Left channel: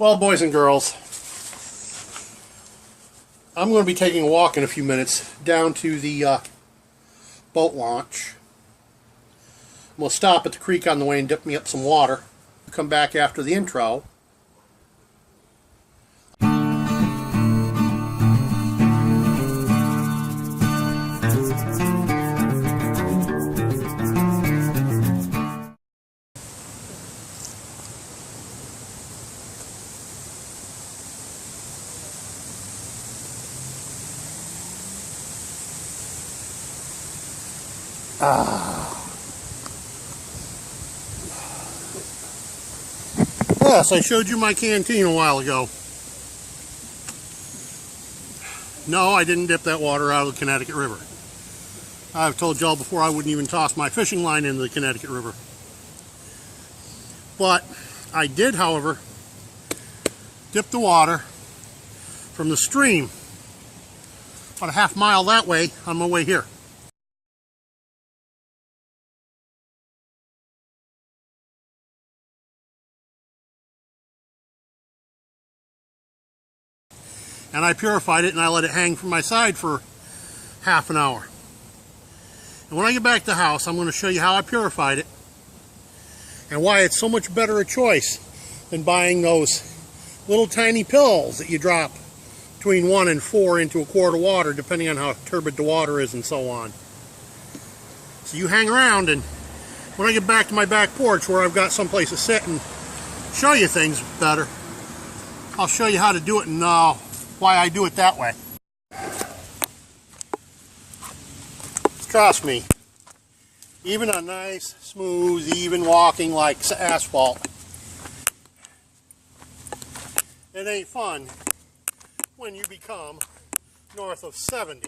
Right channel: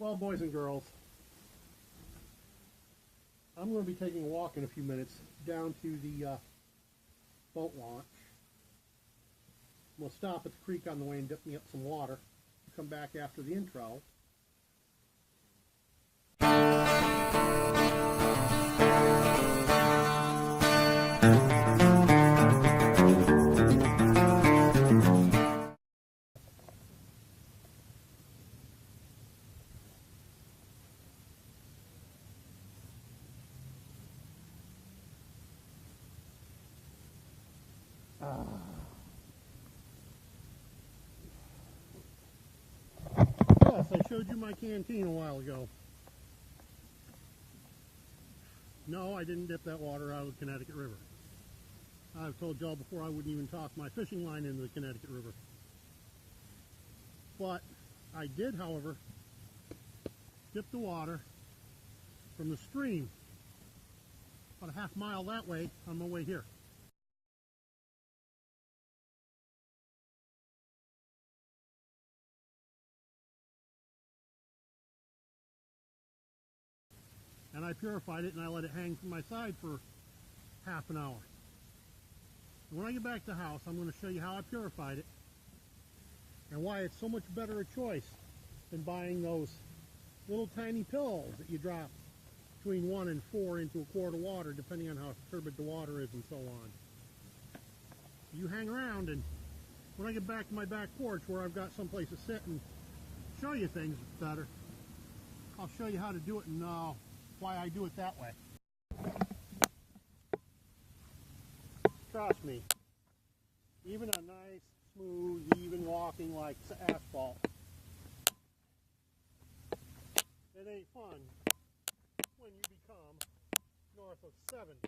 Well, boys and girls, I'm going to be taking a walk in a few minutes down to the boat launch. We'll stop at the creek on the way and dip me up some water. Come back after the intro. Yes, I showed you my canteen a while ago. No, I didn't dip that water out of the Connecticut River. I've told y'all before I wouldn't even toss my fishing line into the Connecticut River. But I did, however, dip the water from the stream about a half mile that way on my way here. And I purified it and I let it hang from my side for half an hour. And when I get back to the house, I'm going to show you how I purified it and why it's so much better a choice than buying those little tiny pills that you drop between 1 and 4 into a quart of water, depending on how turbid the water is and so on. So you hang around, and when I get back to my back porch where I've got someplace to sit and show you things better, I'll show you how to do it and why I do it that way. Trust me, even on nice, smooth, even walking like asphalt, it ain't fun when you become north of 70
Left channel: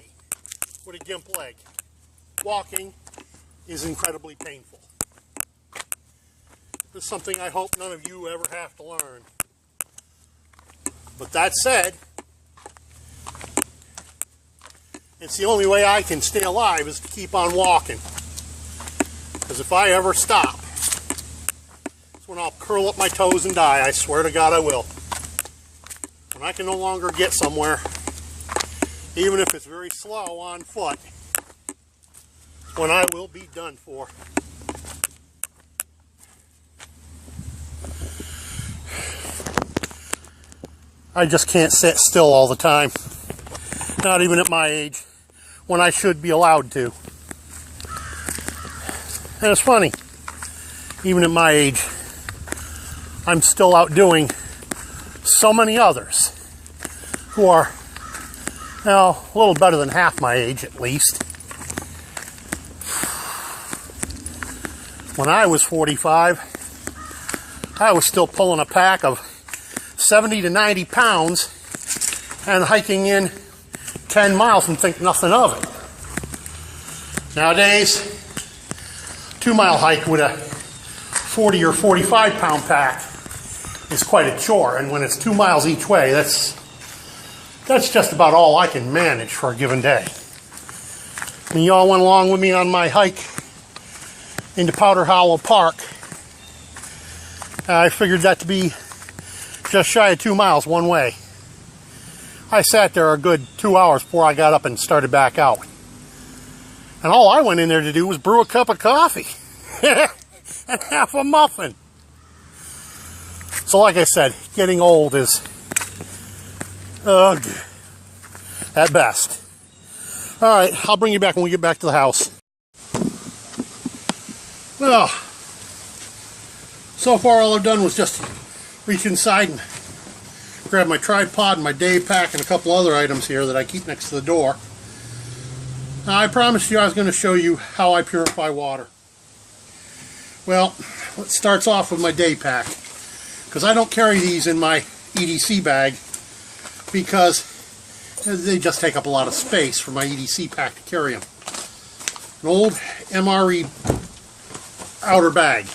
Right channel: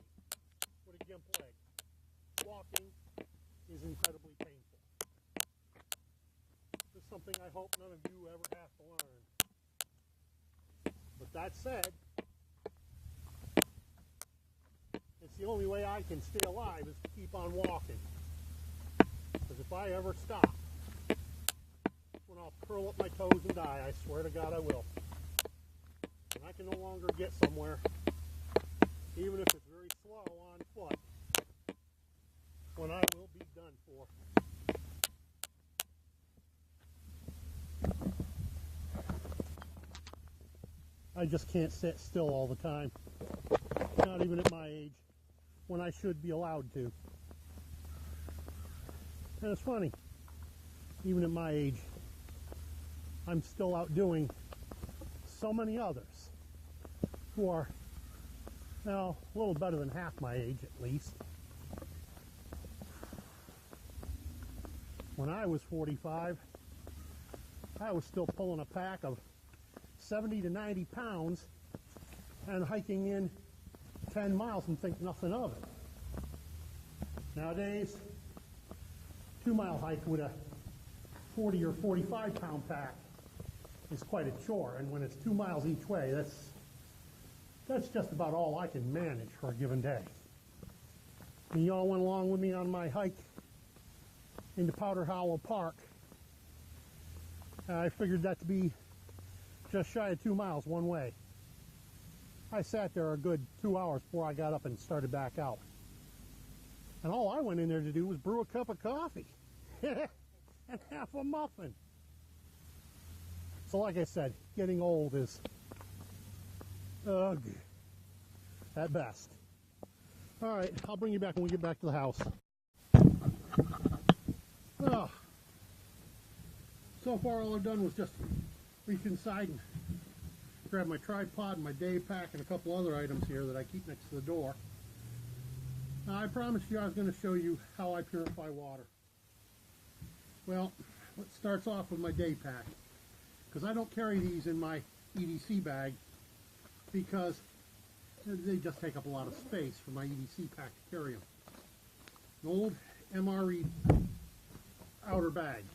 with a gimp leg. Walking is incredibly painful. This is something I hope none of you ever have to learn. But that said, it's the only way I can stay alive is to keep on walking. Because if I ever stop, that's when I'll curl up my toes and die. I swear to God I will. When I can no longer get somewhere, even if it's very slow on foot, when I will be done for. I just can't sit still all the time. Not even at my age, when I should be allowed to. And it's funny, even at my age, I'm still outdoing so many others who are, well, a little better than half my age at least. When I was 45, I was still pulling a pack of 70 to 90 pounds and hiking in 10 miles and think nothing of it. Nowadays, 2-mile hike with a 40 or 45 pound pack is quite a chore, and when it's 2 miles each way, that's just about all I can manage for a given day. I mean, y'all went along with me on my hike into Powder Hollow Park. I figured that to be just shy of 2 miles one way. I sat there a good 2 hours before I got up and started back out. And all I went in there to do was brew a cup of coffee and half a muffin. So like I said, getting old is ugh at best. All right, I'll bring you back when we get back to the house. Well, so far all I've done was just reach inside and grab my tripod and my day pack and a couple other items here that I keep next to the door. Now, I promised you I was going to show you how I purify water. Well, it starts off with my day pack, because I don't carry these in my EDC bag because they just take up a lot of space for my EDC pack to carry them. An old MRE outer bag,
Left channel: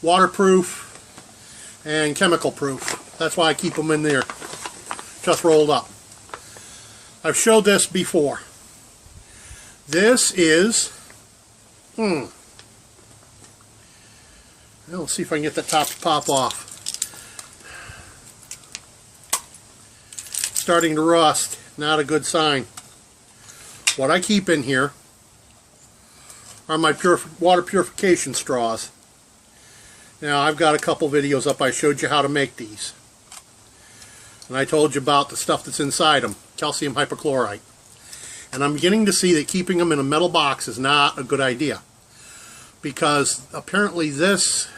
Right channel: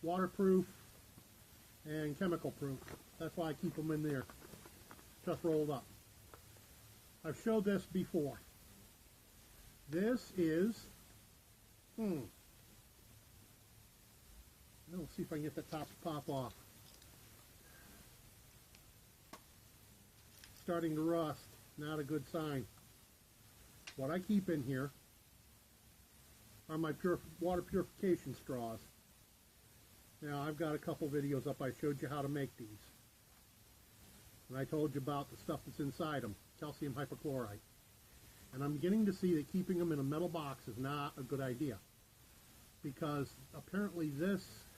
waterproof and chemical proof. That's why I keep them in there, just rolled up. I've showed this before. This is, let's see if I can get the top to pop off. starting to rust. Not a good sign. What I keep in here are my water purification straws. Now, I've got a couple videos up. I showed you how to make these. And I told you about the stuff that's inside them, calcium hypochlorite. And I'm beginning to see that keeping them in a metal box is not a good idea, because apparently this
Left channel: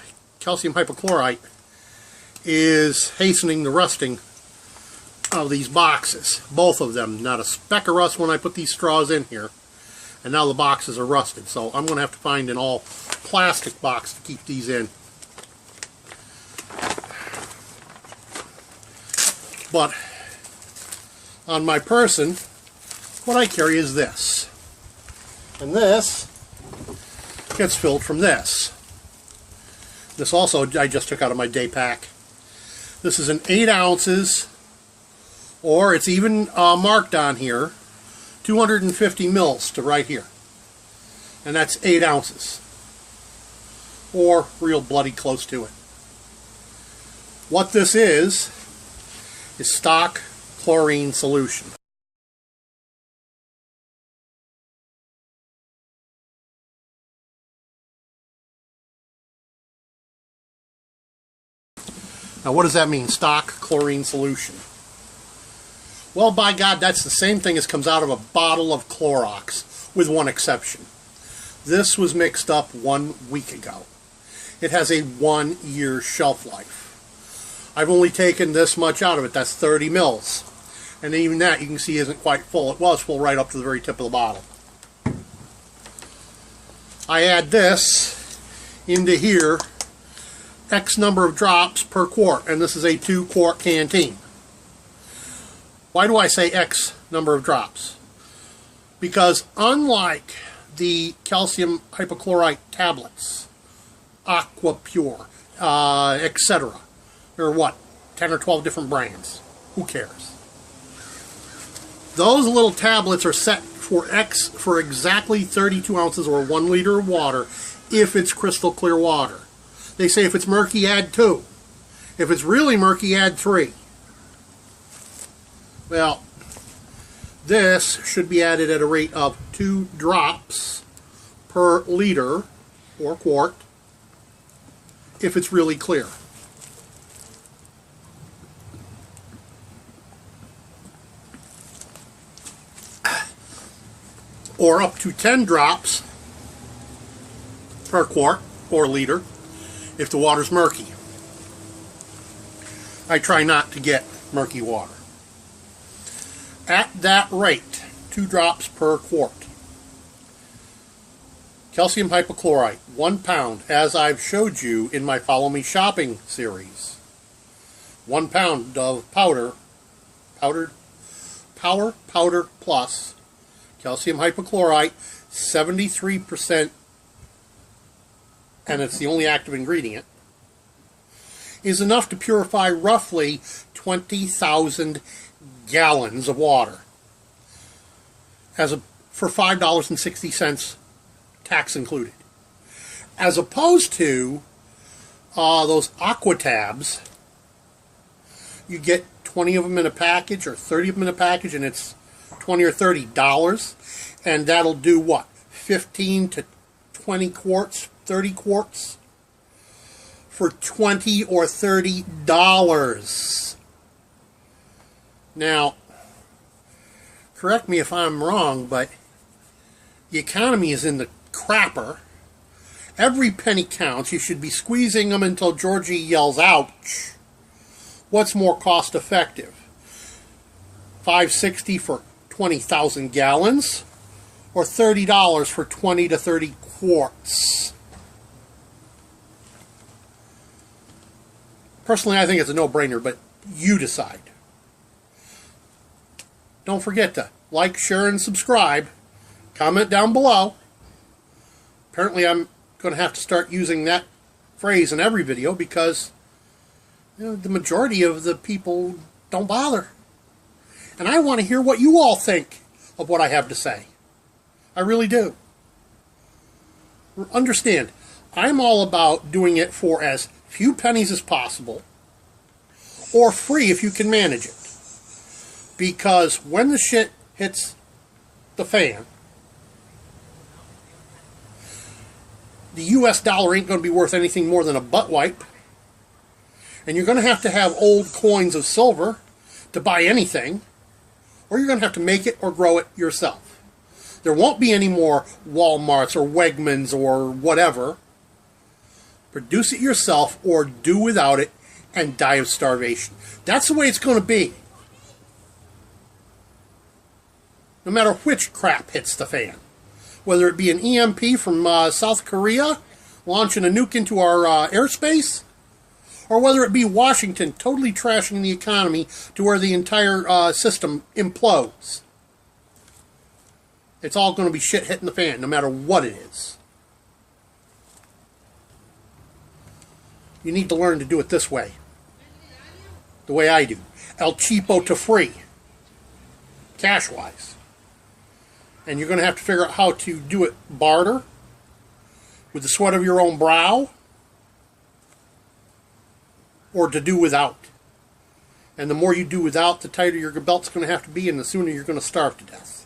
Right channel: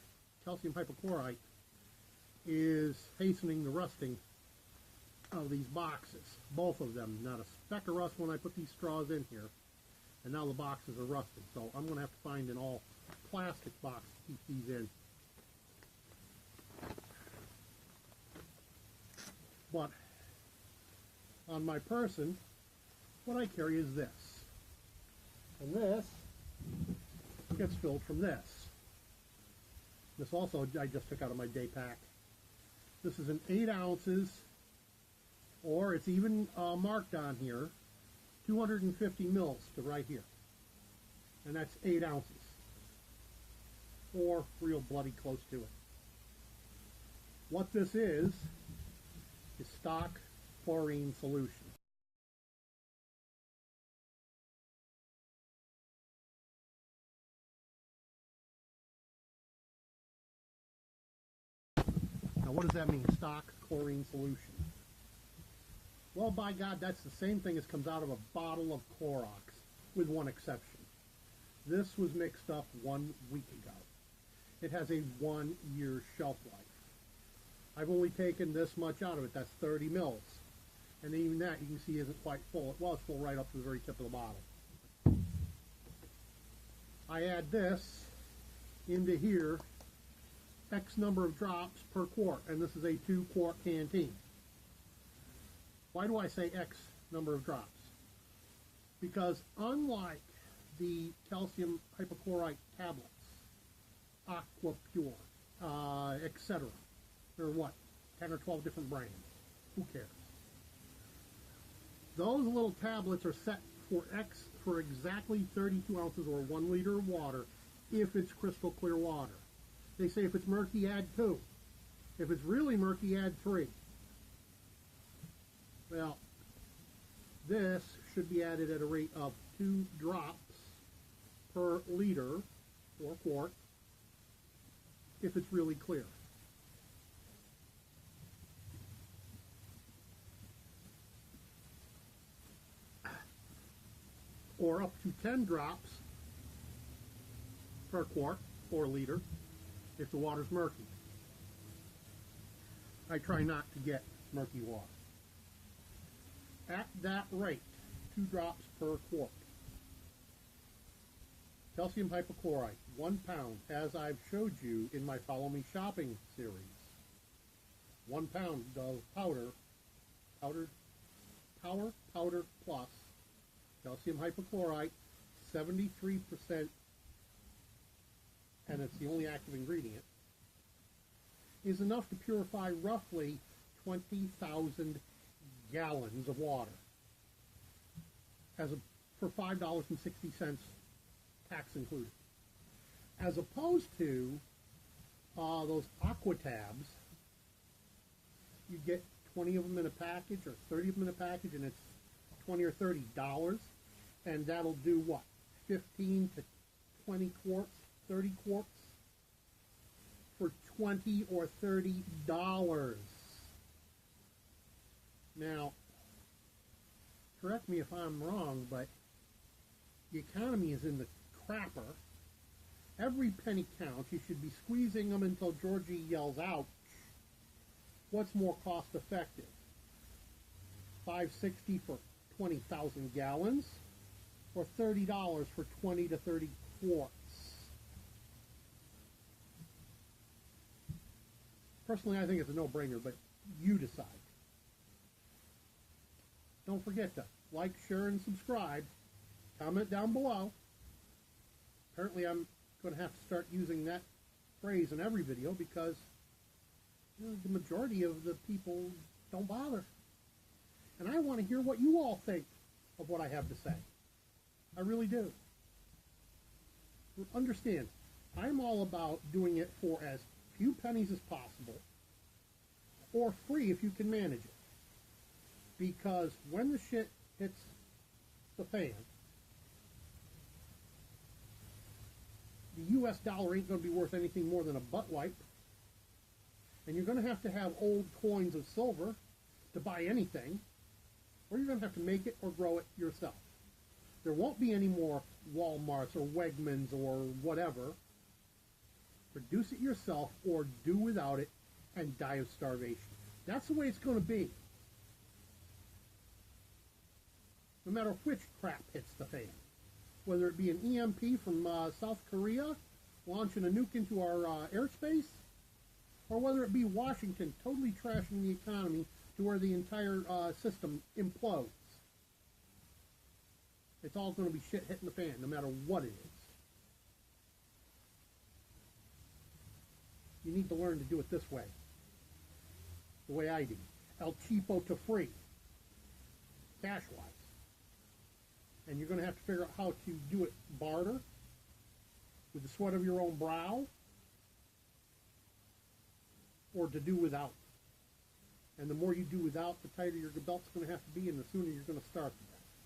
calcium hypochlorite is hastening the rusting of these boxes. Both of them. Not a speck of rust when I put these straws in here. And now the boxes are rusted. So I'm going to have to find an all plastic box to keep these in. But on my person, what I carry is this. And this gets filled from this. This also I just took out of my day pack. This is an 8 ounces, or it's even marked on here, 250 mils to right here. And that's 8 ounces. Or real bloody close to it. What this is stock chlorine solution. Now, what does that mean, stock chlorine solution? Well, by God, that's the same thing as comes out of a bottle of Clorox, with one exception. This was mixed up 1 week ago. It has a 1-year shelf life. I've only taken this much out of it. That's 30 mils. And even that, you can see, isn't quite full. It was full right up to the very tip of the bottle. I add this into here, X number of drops per quart, and this is a 2-quart canteen. Why do I say X number of drops? Because unlike the calcium hypochlorite tablets, Aqua Pure, etc., there are what, 10 or 12 different brands. Who cares? Those little tablets are set for exactly 32 ounces or 1 liter of water if it's crystal clear water. They say if it's murky, add 2. If it's really murky, add 3. Well, this should be added at a rate of 2 drops per liter or quart if it's really clear. Or up to 10 drops per quart or liter if the water's murky. I try not to get murky water. At that rate, 2 drops per quart. Calcium hypochlorite, 1 pound, as I've showed you in my Follow Me Shopping series. 1 pound of Power Powder Plus calcium hypochlorite, 73%, and it's the only active ingredient, is enough to purify roughly 20,000 gallons of water for $5.60, tax included. As opposed to those Aqua tabs, you get 20 of them in a package or 30 of them in a package, and it's $20 or $30, and that'll do what? 15 to 20 quarts, 30 quarts for $20 or $30. Now, correct me if I'm wrong, but the economy is in the crapper. Every penny counts. You should be squeezing them until Georgie yells, ouch. What's more cost effective? $5.60 for 20,000 gallons, or $30 for 20 to 30 quarts. Personally, I think it's a no-brainer, but you decide. Don't forget to like, share, and subscribe. Comment down below. Apparently, I'm going to have to start using that phrase in every video because the majority of the people don't bother. And I want to hear what you all think of what I have to say. I really do. Understand, I'm all about doing it for as few pennies as possible, or free if you can manage it. Because when the shit hits the fan, the US dollar ain't going to be worth anything more than a butt wipe. And you're going to have old coins of silver to buy anything, or you're going to have to make it or grow it yourself. There won't be any more Walmarts or Wegmans or whatever. Produce it yourself or do without it and die of starvation. That's the way it's going to be. No matter which crap hits the fan. Whether it be an EMP from South Korea launching a nuke into our airspace, or whether it be Washington totally trashing the economy to where the entire system implodes. It's all going to be shit hitting the fan, no matter what it is. You need to learn to do it this way. The way I do. El cheapo to free. Cash-wise. And you're going to have to figure out how to do it barter, with the sweat of your own brow, or to do without. And the more you do without, the tighter your belt's going to have to be, and the sooner you're going to starve to death.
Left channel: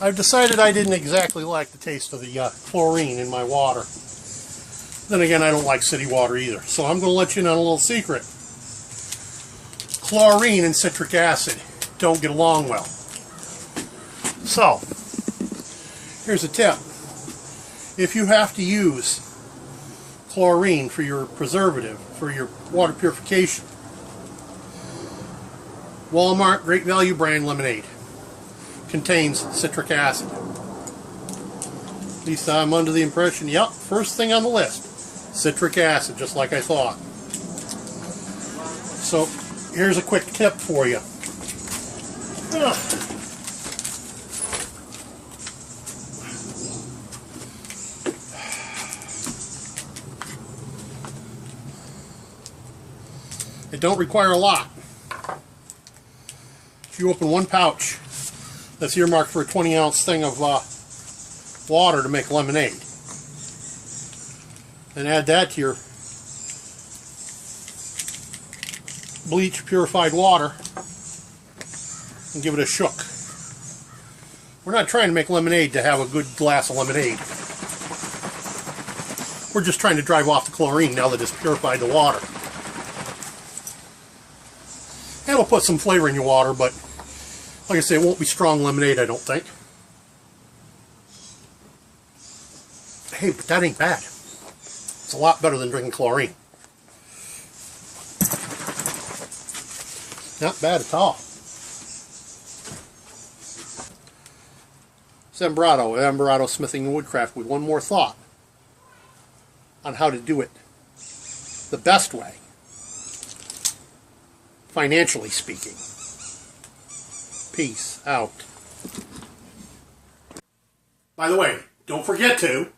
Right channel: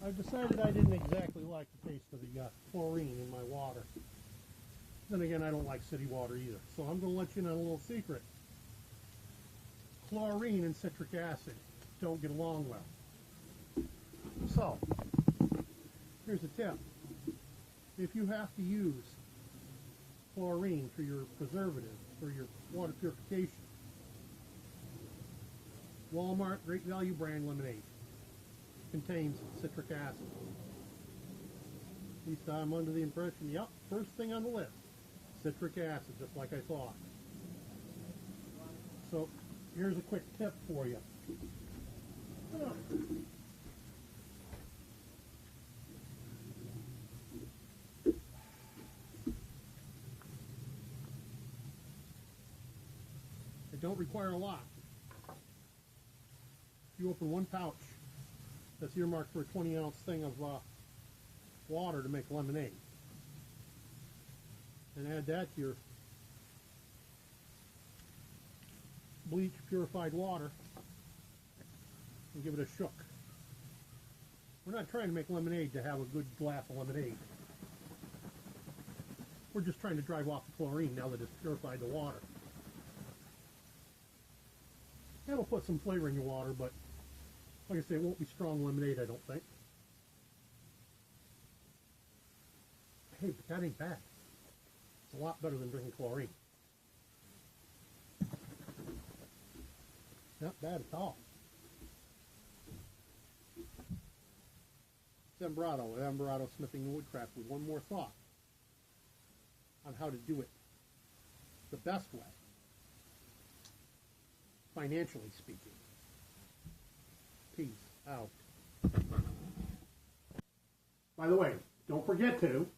I've decided I didn't exactly like the taste of the chlorine in my water. Then again, I don't like city water either. So I'm going to let you in on a little secret. Chlorine and citric acid don't get along well. So, here's a tip. If you have to use chlorine for your preservative, for your water purification, Walmart Great Value brand lemonade contains citric acid. At least I'm under the impression, yep, first thing on the list, citric acid, just like I thought. So, here's a quick tip for you. It don't require a lot. If you open one pouch that's earmarked for a 20-ounce thing of water to make lemonade, and add that to your bleach purified water and give it a shook. We're not trying to make lemonade to have a good glass of lemonade. We're just trying to drive off the chlorine now that it's purified the water. And it'll put some flavor in your water, but like I say, it won't be strong lemonade, I don't think. Hey, but that ain't bad. It's a lot better than drinking chlorine. Not bad at all. Zembrato Smithing and Woodcraft, with one more thought on how to do it the best way, financially speaking. Peace out. By the way, don't forget to